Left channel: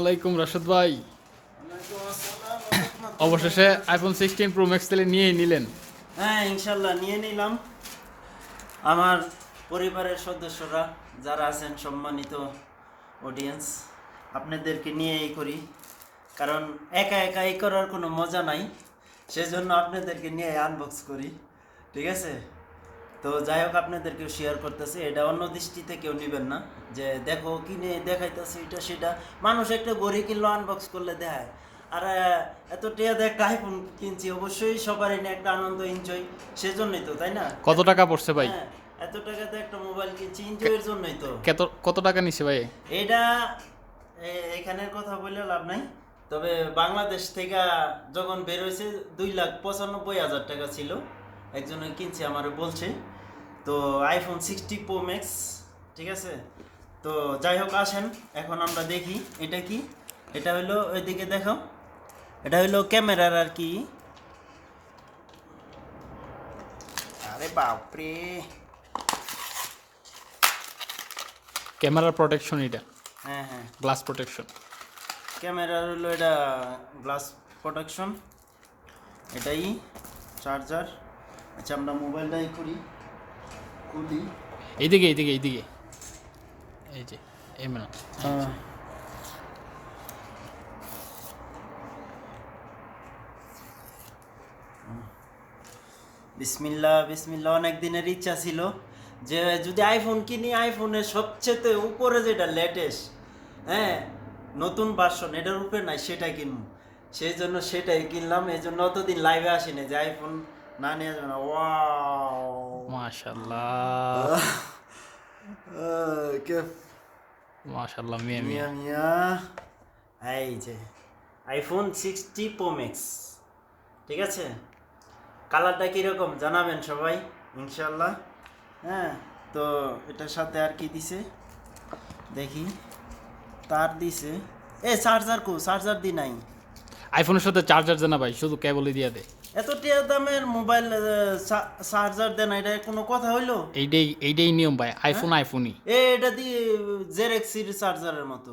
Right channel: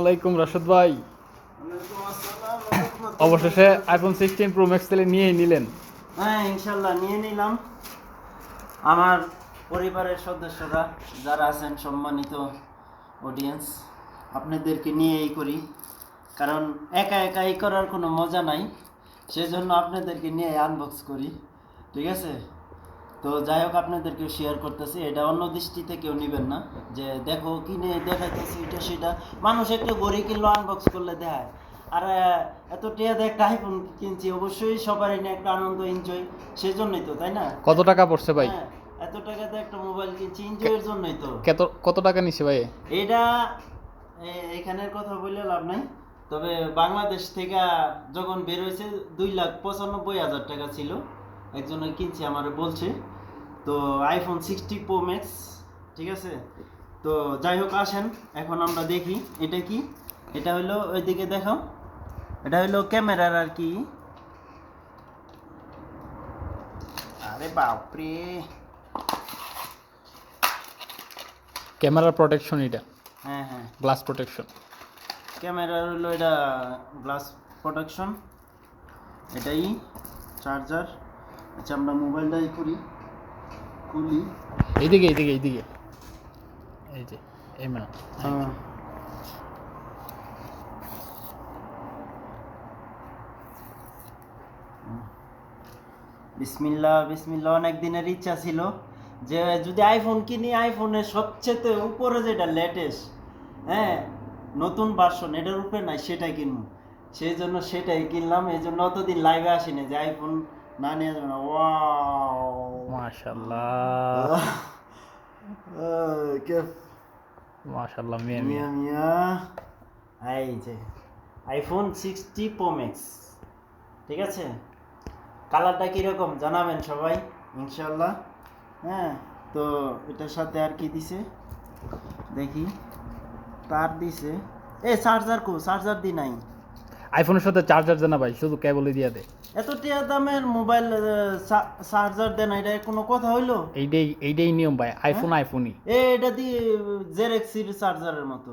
আলাইকুম রাশেদ ভাই, অবশেষে আইফোন 16 প্রো ম্যাক্স তাহলে নিয়েই নিলেন। হ্যাঁ, ইনশাল্লাহ নিয়ে নিলাম। আমার পরিবারের সদস্যরা যারা আছেন, সম্মানিত অডিয়েন্স, আপনাদেরকে নিয়েই করি, কারণ একা একা এই করার কোনো মজা নাই, সেজন্য আপনাদেরকে নিয়ে আনবক্স করি। ঠিক আছে, তো যাই হোক, আপনাদেরকে শেয়ার করতেছি। এটা অন্য দৃষ্টিতে কেউ নেবেন না যে দেখো কিনে দেখাইতেছি এটা সেটা। মানুষ একটা গড়ি কিনলো, আনবক্স করলে দেখায়। আর এত টিয়া দিয়ে একটা আইফোন কিনছি, অবশ্যই সবারই নিয়ে একটা আনন্দ, এনজয়, সেজন্যই তো, তাই না? কত টাকা পড়ছে ভাই? হ্যাঁ, এত টাকাতে একটা মোবাইল কিনছি, এনজয়ের জন্যই তো। কত টাকা নিছে ভাই? এটা এখানের কথা বললে লাভ নাই, তবে বাংলাদেশ থেকে যখন বের হয়েছে 2,95,000 টাকা ছিল। একজনে কিনছে, আমারে বলছে। তো আইফোন 60 প্রো ম্যাক্স, ঠিক আছে। তো যাই হোক, আসেন এখন আমরা দেখি এটা কি। এটা হলো, ওইদিকে দেখো, এটা হলো ক্যামেরার আর কি। আরে বাপরে, ক্যামেরার প্রোটেকশন এটা, হ্যাঁ হ্যাঁ, গ্লাস প্রোটেকশন। ক্যামেরার হলো এটা গ্লাস প্রোটেকশন। এটাই চার্জার। আচ্ছা, আমরা মোবাইলটাই খুলি। এইদিকে এইদিকে এইদিকে, এই যে এই মানে বিসমিল্লাহ বিসমিল্লাহ। অনেক দিনের ইচ্ছা ছিল যে যদি আইফোন কিনি, আইফোনের সবচেয়ে উপরে যেটা লেটেস্ট, হ্যাঁ, নতুন ভার্সন, এটার উপরে নাই, সেটাই কিনবো। সেই জন্য সেটাই কিনলাম। এই জন্য অতদিন লাইভে আসিনি যে আইফোন না নিয়ে যাবে না। ওয়াও, মাশাআল্লাহ কে মাশাআল্লাহ, মিয়া মিয়া মিয়া। মিয়া। এই যে আইফোন 60 প্রো ম্যাক্স, ঠিক আছে। কালারটা কীরকম জানাবেন সবাই, ইনশাল্লাহ। হ্যাঁ, তো এটার সাথে আর কি দিছে দেখি। তার দিছে, চার্জার চার্জার দি নাই। আইফোনের সাথে চার্জার দেনা ভাই, শুধু কেবলই দিয়া দে। এত টিয়া দামের মোবাইল চার্জার দেন, এটা কোনো কথা হইলো? এইটাই নিয়ম ভাই, আইফোন আইফোনই। এটা দিয়ে জেরেক্সির চার্জারের মতো।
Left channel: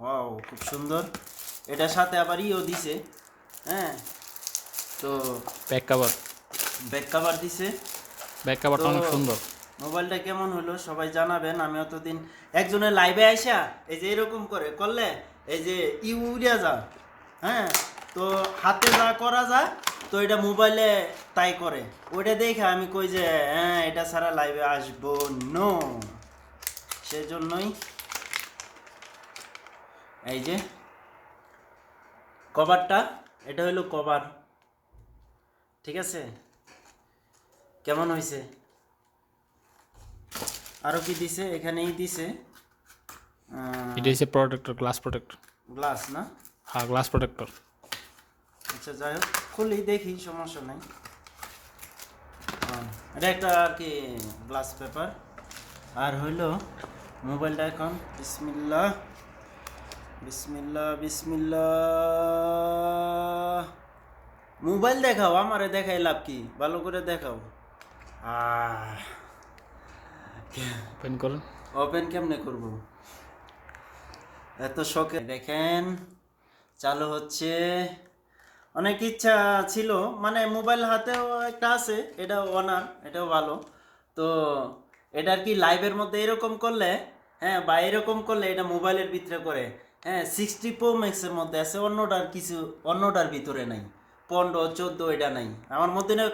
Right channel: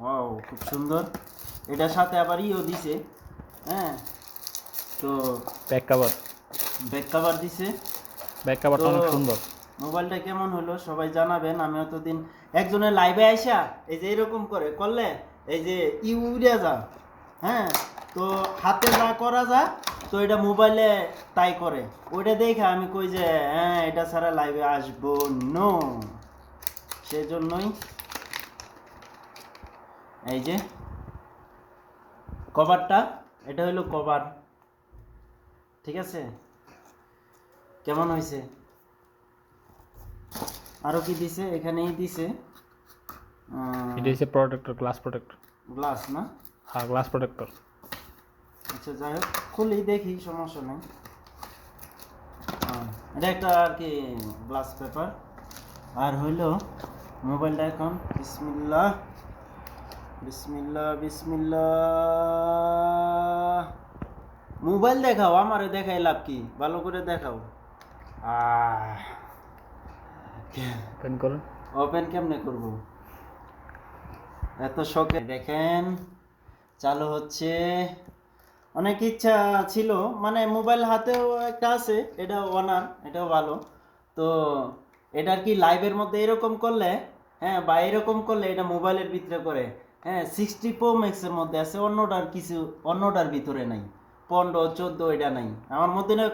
ওয়াও, খুব সুন্দর। এটার সাথে আবার ইও দিছে, হ্যাঁ। তো ব্যাক কভার, ব্যাক কভার দিছে। ব্যাক কভারটা অনেক সুন্দর। মোবাইলটা কেমন হলো সবাই জানাবেন। আমি অতদিন একজনের লাইভে আইসা এই যে এরকম করে করলে, এই যে উড়িয়া যা, হ্যাঁ, তো হাতে যা করা যায়, তো এটা মোবাইলে তাই করে। ওইটা দেখে আমি কই যে হ্যাঁ, এটা ছাড়া লাইভে আসবো নো। সেজন্যই এই যে কভারটা, এটা হলো কভার, ঠিক আছে। কেমন হয়েছে? আরও কি দিছে? এখানেই দিছে এটা হচ্ছে প্রোটেক্টর, গ্লাস প্রোটেক্টর। গ্লাস না? হ্যাঁ, গ্লাস প্রোটেক্টর। আচ্ছা, যাই হোক, খুলি দেখি, সমস্যা নেই। এটা একটা আর কি গ্লাস পেপার। আর হইলো মোবাইলটা এখন বিসমিল্লাহ বিসমিল্লাহ বিসমিল্লাহ। মোবাইল দেখাও, আমারে দেখাই লাভ কি? ভালো করে দেখাও। ওপেন করুন। ওপেন কেমনে করব? এত শখে দেখেন, চালু হচ্ছে। অনেক ইচ্ছা ছিল, মানে মোবাইল হাতেও একটা আছে, এটাও অনার, এটাও ভালো। তো এটা আর কি লাইভের মধ্যে এরকম করলে, হ্যাঁ, বা এরকম করলে এটা মোবাইলের ভিতরে করে, হ্যাঁ, 60 প্রো ম্যাক্সের মধ্যে আছে, অন্যটার কিছু, অন্যটার ভিতরে নাই। 15, 14 এটা নাই আমার মধ্যে। না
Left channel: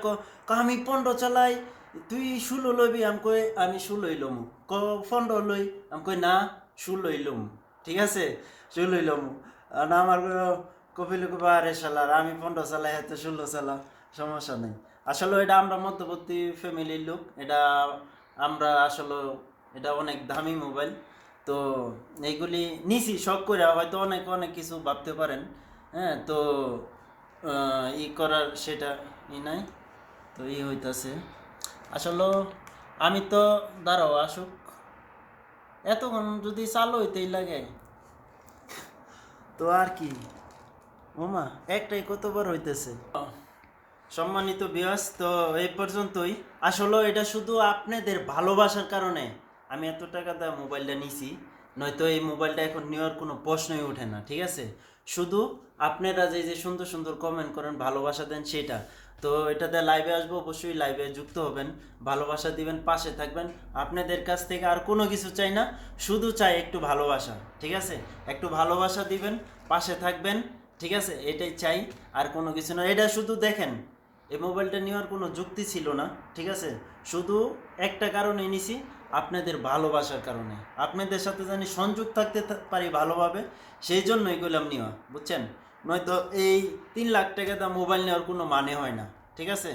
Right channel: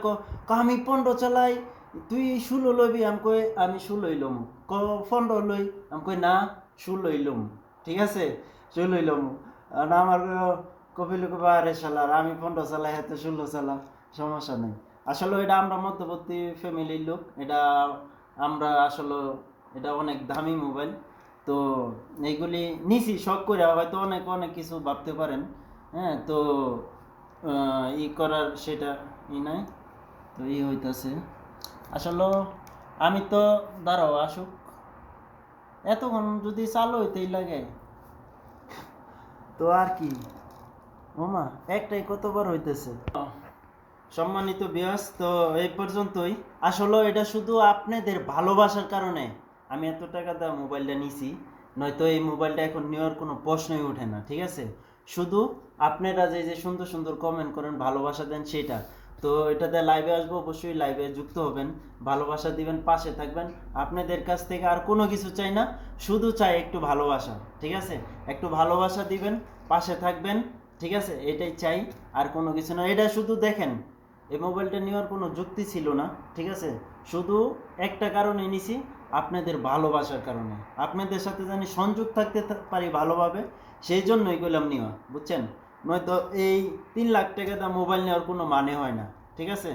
আমি 15 চালাই, তুই 16 লইবি, আমি কই আমি 16 লম। 15 লই, আমি কই না, 16 লম, ঠিক আছে, 16 লম। আর আমার কপিলে কপা, আরে শালার, আমি 15 চালাই, হাতে 16 চালা, সমস্যা নেই। আসলে এটা আমরা মধ্যবর্তী ফ্যামিলির লোক, এটা আমরা আসলে, এটা অনেক দামি মোবাইল। তো এইগুলি নিছি শখ করে, হয়তো অনেক অনেক কিছু ভাবতে পারেন, হ্যাঁ। তো ই করার সেটা নাই, তো হইতাছে আসলে। আমি তো দাঁড়াও আসুক, এতক্ষণ যদি চালু হইতেই লাগে, তো আর কি ওমা, একটাই কতবার হইতেছে। সম্মানিত ভিউয়ার্স, তো এই পর্যন্তই। আসলে এটা শুধু আপনাদের ভালোবাসার কারণে আমি এত টাকা দিয়ে মোবাইলটা নিছি, নয়তো এই মোবাইলটা এখন নেওয়ার কোনো প্রশ্নই ওঠে না, ঠিক আছে? শুধু আপনারা যে সুন্দর সুন্দর কমেন্ট করেন, ভালোবাসা দেন, সেটা তো এটাতে লাইভে আসবো, অবশ্যই লাইভে যুক্ত হবেন, ভালোবাসা দিবেন, পাশে থাকবেন। আপনাদের কাছ থেকে আর কোনো কিছু চাই না, শুধু চাই একটু ভালোবাসা, ঠিক আছে? একটু ভালোবাসা দিবেন, পাশে থাকবেন, ঠিক আছে? এটাই চাই, আর কোনো কিছু না। এটা শুধু দেখেন, এই মোবাইলটা নেওয়ার কোনো যুক্তি ছিল না, ঠিক আছে? শুধু একটা কারণে নিছি, আপনাদের ভালোবাসার কারণে, আপনাদের সাথে জানি সংযোগ থাকতে পারি ভালোভাবে, সেই জন্যই করলাম নেওয়া, বুঝছেন? নয়তো এই 3 লাখ টাকা দাম মোবাইল নেওয়ার কোনো মানে হয় না, ঠিক আছে?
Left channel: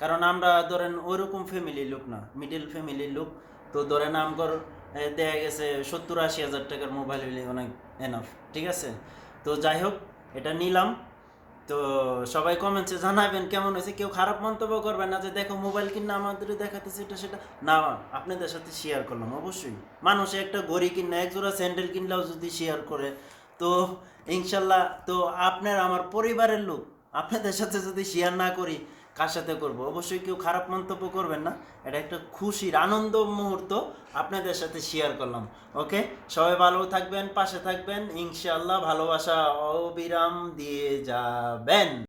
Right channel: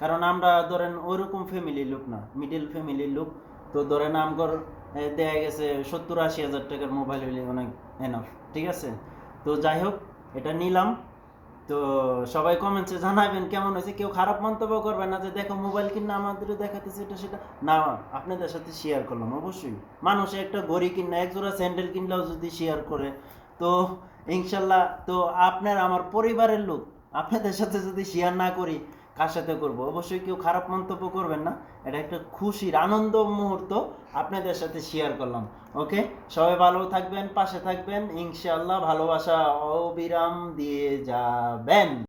কারণ আমরা ধরেন ওইরকম ফ্যামিলির লোক না, মিডিল ফ্যামিলির লোক। তো ধরেন আমগর দেখা গেছে 70-80 হাজার টাকার মোবাইল হলে অনেক এনাফ, ঠিক আছে? তো যাই হোক, এটা নিলাম। তো সবাই কমেন্টসে জানাবেন কেমন হয়েছে, কেউ খারাপ মন্তব্য করবেন না যে দেখো মোবাইল কিনা আমাদের দেখাতেছে এটা সেটা না, আপনাদের সাথে শেয়ার করলাম। অবশ্যই মানুষে একটা ঘড়ি কিনা, এক জোড়া স্যান্ডেল কিনলেও যদি শেয়ার করে, তো ইনশাল্লাহ, তো আপনার আমার পরিবারের লোক, আপনাদের সাথে যদি শেয়ার না করি কার সাথে করব? অবশ্যই কেউ খারাপ মন্তব্য করবেন না, এটা একটা খুশির আনন্দ মুহূর্ত আপনাদের সাথে শেয়ার করলাম। ওকে, সবাই ভালো থাকবেন, পাশে থাকবেন, ইনশাল্লাহ ভালোবাসা অবিরাম দিয়ে যাবেন।